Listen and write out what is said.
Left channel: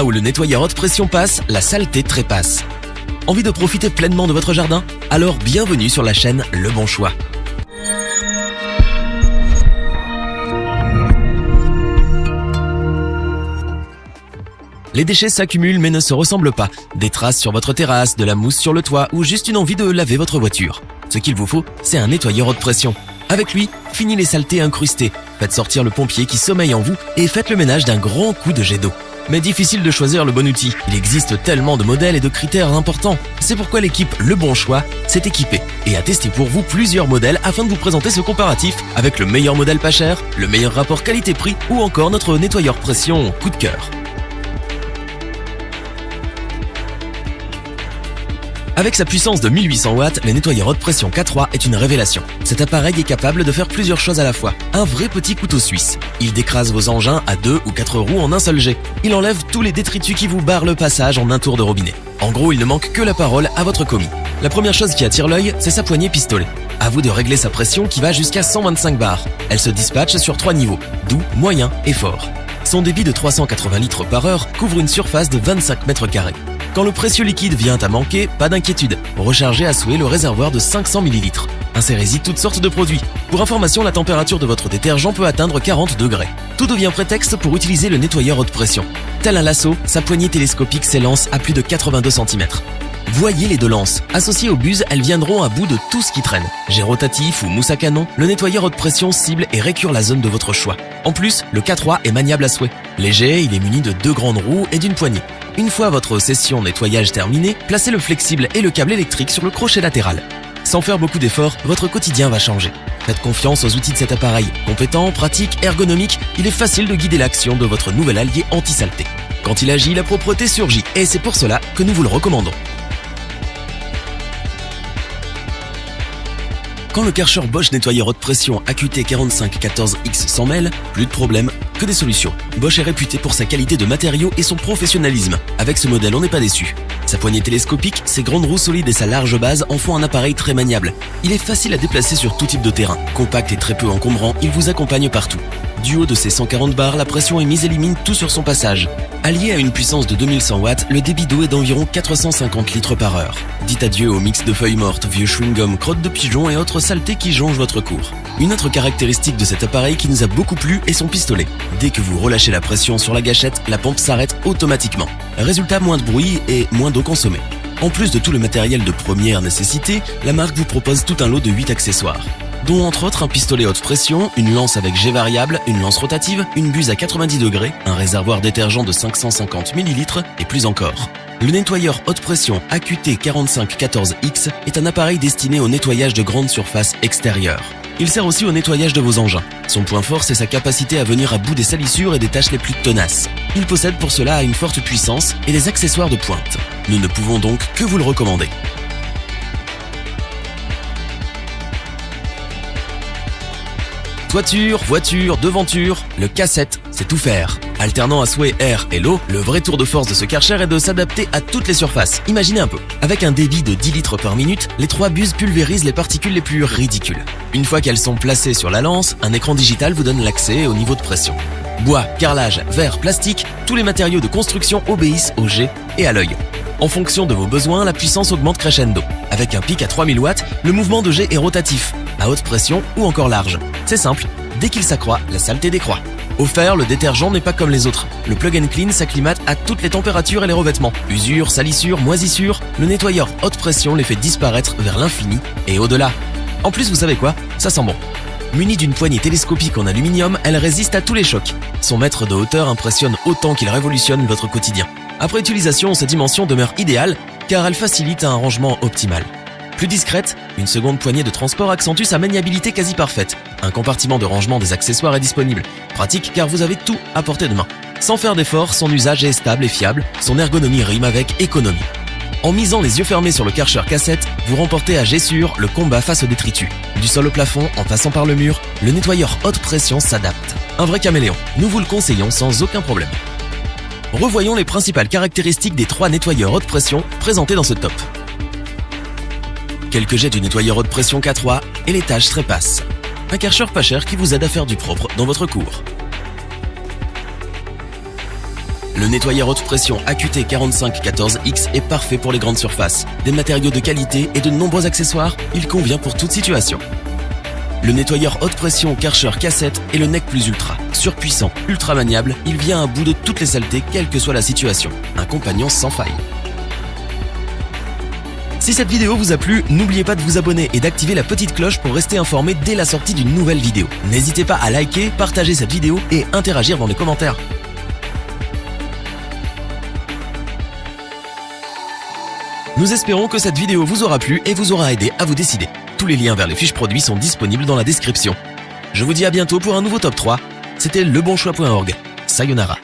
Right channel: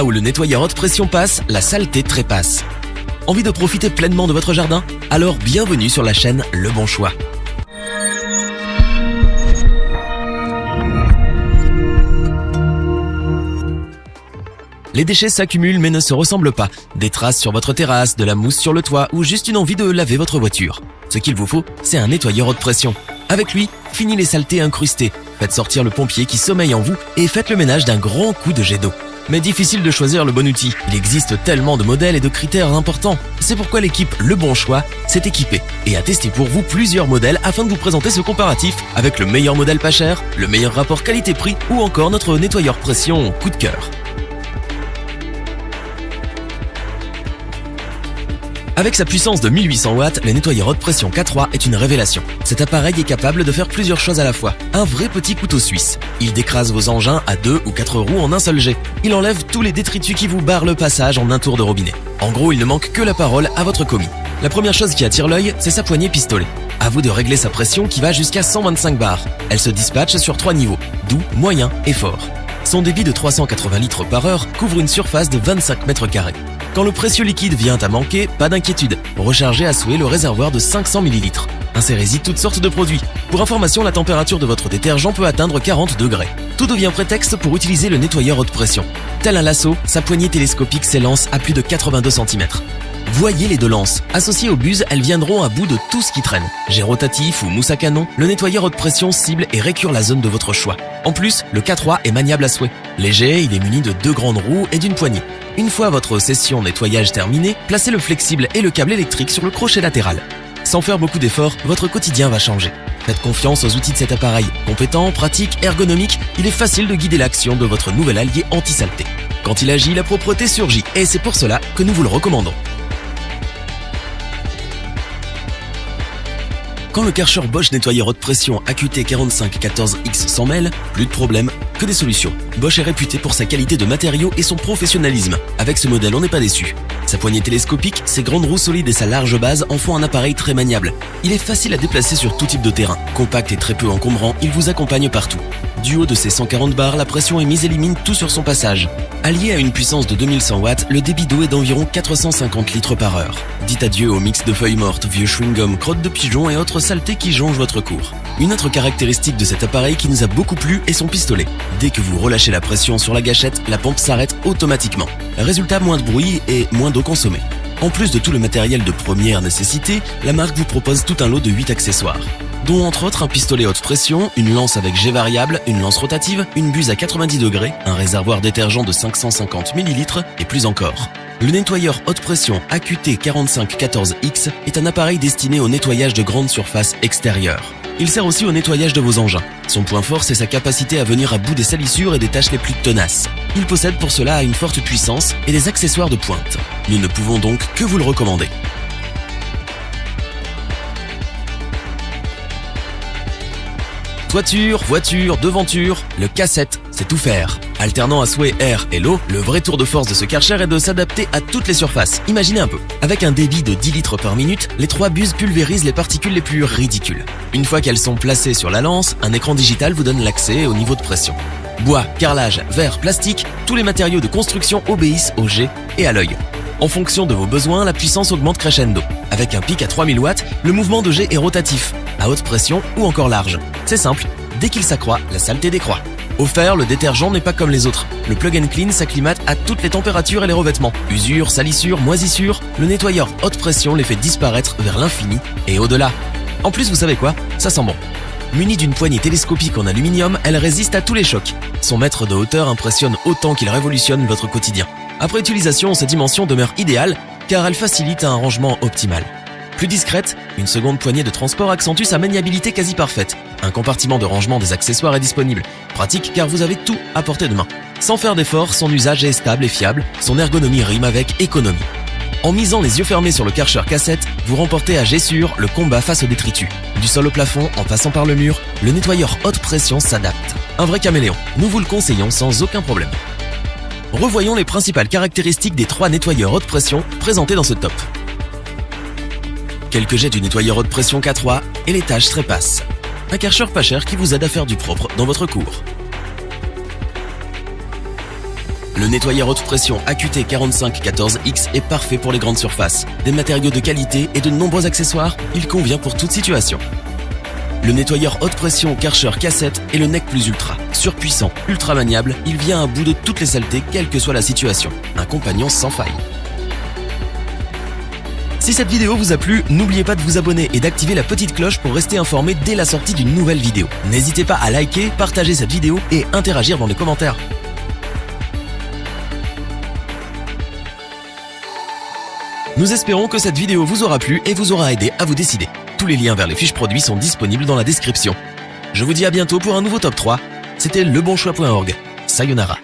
Là où le nettoyeur haute pression passe, la saleté trépasse. Envie de profiter pleinement de votre jardin? Alors bienvenue sur la chaîne Le Bon Choix. Les déchets s'accumulent mais ne se ressemblent pas. Des traces sur votre terrasse, de la mousse sur le toit ou juste une envie de laver votre voiture. Ce qu'il vous faut, c'est un nettoyeur haute pression. Avec lui, fini les saletés incrustées. Faites sortir le pompier qui sommeille en vous et faites le ménage d'un grand coup de jet d'eau. Mais difficile de choisir le bon outil. Il existe tellement de modèles et de critères importants. C'est pourquoi l'équipe Le Bon Choix s'est équipée et a testé pour vous plusieurs modèles afin de vous présenter ce comparatif avec le meilleur modèle pas cher, le meilleur rapport qualité-prix ou encore notre nettoyeur pression coup de cœur. Avec sa puissance de 1800 watts, le nettoyeur haute pression K3 est une révélation. Cet appareil est capable de faire plusieurs choses à la fois. Un vrai petit couteau suisse. Il décrase vos engins à 2 ou 4 roues en un seul jet. Il enlève tous les détritus qui vous barrent le passage en un tour de robinet. En gros, il ne manque que la parole à votre commis. La première chose qui attire l'œil, c'est sa poignée pistolet. À vous de régler sa pression qui va jusqu'à 125 bars. Elle se dispatche sur 3 niveaux, doux, moyen et fort. Son débit de 380 litres par heure couvre une surface de 25 mètres carrés. Quand le précieux liquide vient à manquer, pas d'inquiétude. Rechargez à celui le réservoir de 500 ml. Insérez-y toutes sortes de produits. Pour information, la température de votre détergent peut atteindre 40 degrés. Tout devient prétexte pour utiliser le nettoyeur haute pression. Tel un lasso, sa poignée télescopique s'élance à plus de 82 cm. Voyez les deux lances. Associées aux buses, elles viendront à bout de tout ce qui traîne. Jet rotatif ou mousse à canon, le nettoyeur haute pression cible et récure la zone de votre choix. En plus, le K3 est maniable à souhait. Léger, il est muni de 2 grandes roues et d'une poignée. Une fois votre session nettoyage terminée, placez le flexible et le câble électrique sur le crochet latéral. Sans faire beaucoup d'efforts, votre quotidien va changer. Faites confiance aux outils de cet appareil. Compétent, pratique, ergonomique, il est facile de guider l'action de votre nouvel allié anti-saleté. Quand il agit, la propreté surgit et c'est pour cela que nous vous le recommandons. Quand le Karcher Bosch nettoyeur haute pression AQT 4514X s'en mêle, plus de problème que des solutions. Bosch est réputé pour sa qualité de matériaux et son professionnalisme. Avec ce modèle, on n'est pas déçu. Sa poignée télescopique, ses grandes roues solides et sa large base en font un appareil très maniable. Il est facile à déplacer sur tout type de terrain. Compact et très peu encombrant, il vous accompagne partout. Du haut de ses 140 bars, la pression émise élimine tout sur son passage. Allié à une puissance de 2100 watts, le débit d'eau est d'environ 450 litres par heure. Dites adieu au mix de feuilles mortes, vieux chewing-gum, crottes de pigeons et autres saletés qui jonchent votre cour. Une autre caractéristique de cet appareil qui nous a beaucoup plu est son pistolet. Dès que vous relâchez la pression sur la gâchette, la pompe s'arrête automatiquement. Résultat, moins de bruit et moins d'eau consommée. En plus de tout le matériel de première nécessité, la marque vous propose tout un lot de 8 accessoires, dont entre autres un pistolet haute pression, une lance avec jet variable, une lance rotative, une buse à 90 degrés, un réservoir détergent de 550 ml et plus encore. Le nettoyeur haute pression AQT 4514X est un appareil destiné au nettoyage de grandes surfaces extérieures. Il sert aussi au nettoyage de vos engins. Son point fort, c'est sa capacité à venir à bout des salissures et des tâches les plus tenaces. Il possède pour cela une forte puissance et des accessoires de pointe. Nous ne pouvons donc que vous le recommander. Toiture, voiture, devanture, le K7, c'est tout faire. Alternant à souhait air et l'eau, le vrai tour de force de ce Karcher est de s'adapter à toutes les surfaces. Imaginez un peu. Avec un débit de 10 litres par minute, les 3 buses pulvérisent les particules les plus ridicules. Une fois qu'elles sont placées sur la lance, un écran digital vous donne l'accès au niveau de pression. Bois, carrelage, verre, plastique, tous les matériaux de construction obéissent au jet et à l'œil. En fonction de vos besoins, la puissance augmente crescendo. Avec un pic à 3000 watts, le mouvement de jet est rotatif, à haute pression ou encore large. C'est simple, dès qu'il s'accroît, la saleté décroît. Offert, le détergent n'est pas comme les autres. Le plug and clean s'acclimate à toutes les températures et les revêtements. Usure, salissure, moisissure, le nettoyeur haute pression les fait disparaître vers l'infini et au-delà. En plus, vous savez quoi? Ça sent bon. Munie d'une poignée télescopique en aluminium, elle résiste à tous les chocs. Son mètre de hauteur impressionne autant qu'il révolutionne votre quotidien. Après utilisation, cette dimension demeure idéale car elle facilite un rangement optimal. Plus discrète, une seconde poignée de transport accentue sa maniabilité quasi parfaite. Un compartiment de rangement des accessoires est disponible. Pratique car vous avez tout à portée de main. Sans faire d'effort, son usage est stable et fiable, son ergonomie rime avec économie. En misant les yeux fermés sur le Karcher K7, vous remportez à jet sûr le combat face aux détritus. Du sol au plafond, en passant par le mur, le nettoyeur haute pression s'adapte. Un vrai caméléon. Nous vous le conseillons sans aucun problème. Revoyons les principales caractéristiques des 3 nettoyeurs haute pression présentés dans ce top. Quelques jets du nettoyeur haute pression K3 et les tâches trépassent. Un Karcher pas cher qui vous aide à faire du propre dans votre cour. Le nettoyeur haute pression AQT 4514X est parfait pour les grandes surfaces. Des matériaux de qualité et de nombreux accessoires, il convient pour toute situation. Le nettoyeur haute pression Karcher K7 est le Nec Plus Ultra. Surpuissant, ultra maniable, il vient à bout de toutes les saletés, quelle que soit la situation. Un compagnon sans faille. Si cette vidéo vous a plu, n'oubliez pas de vous abonner et d'activer la petite cloche pour rester informé dès la sortie d'une nouvelle vidéo. N'hésitez pas à liker, partager cette vidéo et interagir dans les commentaires. Nous espérons que cette vidéo vous aura plu et vous aura aidé à vous décider. Tous les liens vers les fiches produits sont disponibles dans la description. Je vous dis à bientôt pour un nouveau top 3. C'était lebonchoix.org. Sayonara.